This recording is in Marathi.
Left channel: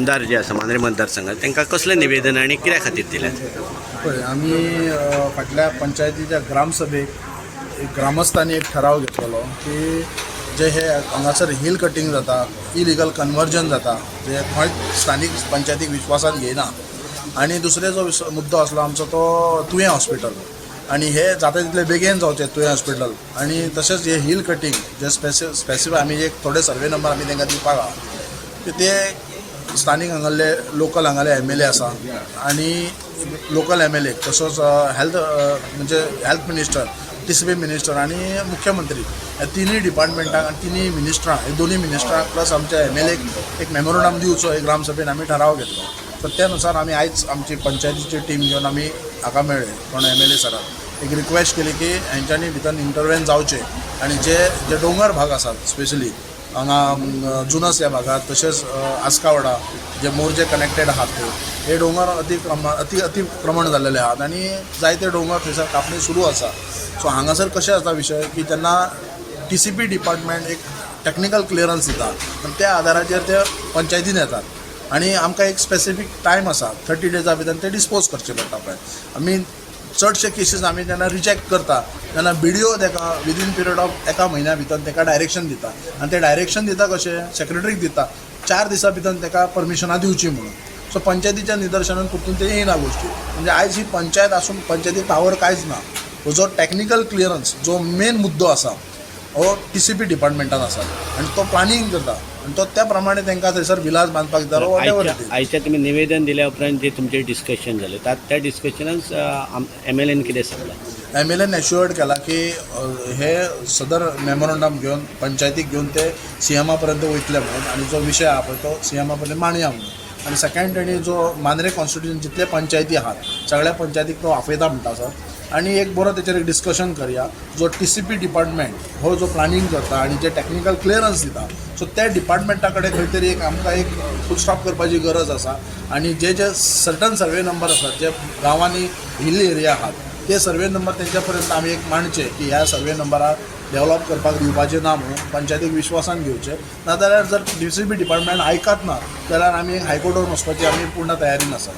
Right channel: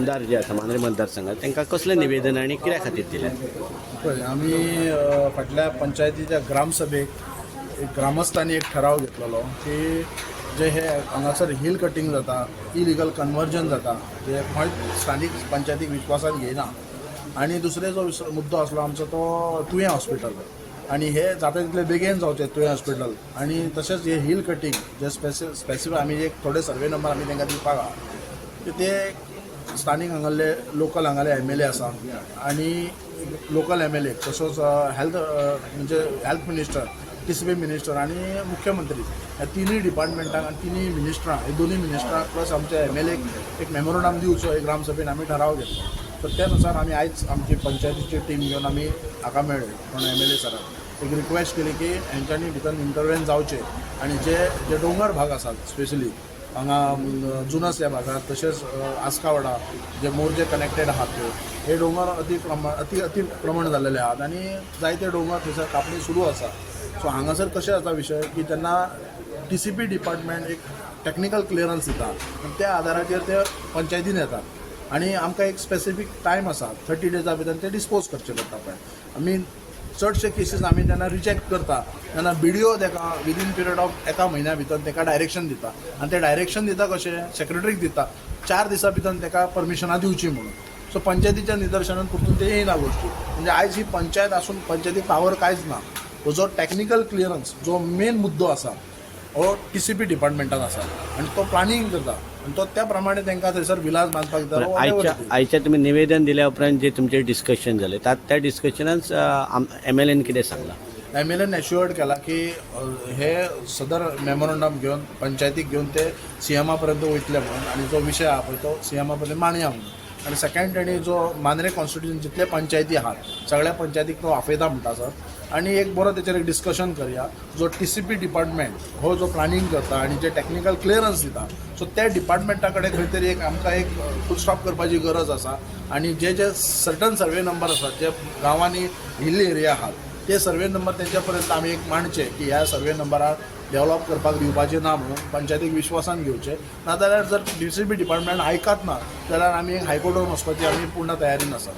मतदार जे आसा मांद्रे मतदारसंघात तांकां कसलें निवेदन आनी कित्या खातीर दिल्यात? पळय आमी फाटल्या पंचायतीच्या ग्रामसभेक ग्रामस्थांनी एक ठराव घेतलेलो की जे हे हांगासर हिल कटिंग जाता, इलिगल कन्वर्जन जाता, जे खंय स्थानीक पंचायतीक विश्वासान घेयना. आनी दुसरे जो मुद्दो आसलो आमचो तो तुयें हॉस्पिटल, आनी हे जाता तितले बेगीन जावचें तुयें हॉस्पिटल. आनी तशेंच हे हिल कटिंग जे स्पेसिफीक आमी एक थोडे सर्वे नंबर आमी तांकां दिवपाक आहा की ते स्थानीक हांगाले लोकल हांगाले MLA आसा आनी लोकल MLA तसोच हेल्थ म्हणजे हेल्थ मिनिस्टर, TCP मिनिस्टर आनी मुख्यमंत्री ह्या तिनूय डिपार्टमेंटाक आनी तिनूय मिनिस्टरां हे दोनूय मिनिस्टरांक प्लस आमच्या MLAक एक मेमोरंडम दिवचो एक ग्रामसभेन आमी ठराव घेतलो. तर त्या नुसार आमी आयज आमची पंचायतीची टीम घेवन आमी हाका मेळ्ळे कोण MLA सराक एक रिक्वेस्ट केली की हेंच्यांनी भितर इंटरवेन जावचें आनी जे दोंगर भाग आसात स्पेशली हांगा जुनस ह्या भागात तशेंच आस्कावडा जे मोर्जे कनेक्टेड आहात हे दोंगर अतिक्रमण जाल्लेले आहात आनी जायते दोंगर थंयसर कापणी सुरू आसा. सो हांगासर कशें जाता विशय की जेन्ना TCP डिपार्टमेंट एक टेक्निकल क्लियरन्स दिता आनी त्या आदाराचेर ते पंचायतीन येतात आनी आमकां एक स्पेसिफीक टायम आसा 30 डेजा भितर ते डिस्पोज करचे पडटा पळय. आमी चडशे केसीस आमी जेन्ना रिजेक्ट करता तेन्ना BDO ताका विदीन पिरियड ऑफ एका म्हयन्या भितर ताका डायरेक्शन दिता आनी ते डायरेक्शन दिता कशें सेक्रेटरीक दिता 4 दिसां भितर ताका परमिशनां दिवची म्हणून. सो पंचायतीच्या निदर्शनान परतून ते येयना गोश्टी. म्हणजे आयज ही पंचायत आसून पंचायतीक पावर कांयच ना. हो जो टेक्निकल क्लियरन्स जो मेन मुद्दो आसा हो TCP डिपार्टमेंटान आसा आनी तो प्लानिंग करता आनी तो त्या प्रमाणे तांकां थंयसर विलास बांदपाक दिता. आयच्या तुमी निवेदन दिल्या उपरांत जे तुमचें डिस्कशन जालें त्या डिस्कशनांत MLAन कितें सांगलां? MLAन एश्युअर्ड केला की हे सदर मेमोरंडम घेवन पंचायतीक घेवन ते CM पर्यंत वयतले म्हणून आनी जो विशय आहा पळय तो CM पर्यंत मांडया म्हणून. आनी सेकंड तेणी जो मांद्रे कॉन्स्टिट्युशन जितले पंचायती आहात सगळ्या पंचायतीक तो आपयता म्हणटा सर आनी एक बरो तेचेर एक डिस्कशन करया. जो TCP डिपार्टमेंट हो जो प्लानिंग करता आनी जे टेक्निकल क्लियरन्स दिता सो त्या डिपार्टमेंटा कडेन खंय तरी एक आमकां एक फूल स्टॉप करपाची गरज आसा. आनी जे सर्टन सर्वे नंबर आसात जे गांवांनी हिल एरिया आहात ते सर्वे नंबर तेंच्या पर्यंत आमी एक मांडचे की ह्या सर्वे नंबराक डेवलप करपाक दिवपाचें ना म्हणून पंचायतीक विश्वासान घेवचे. नाजाल्यार जर TCP डिपार्टमेंट आयकत ना जाल्यार आमी हायकोर्टान वचपाची आमी पूर्ण तयारीन आसा.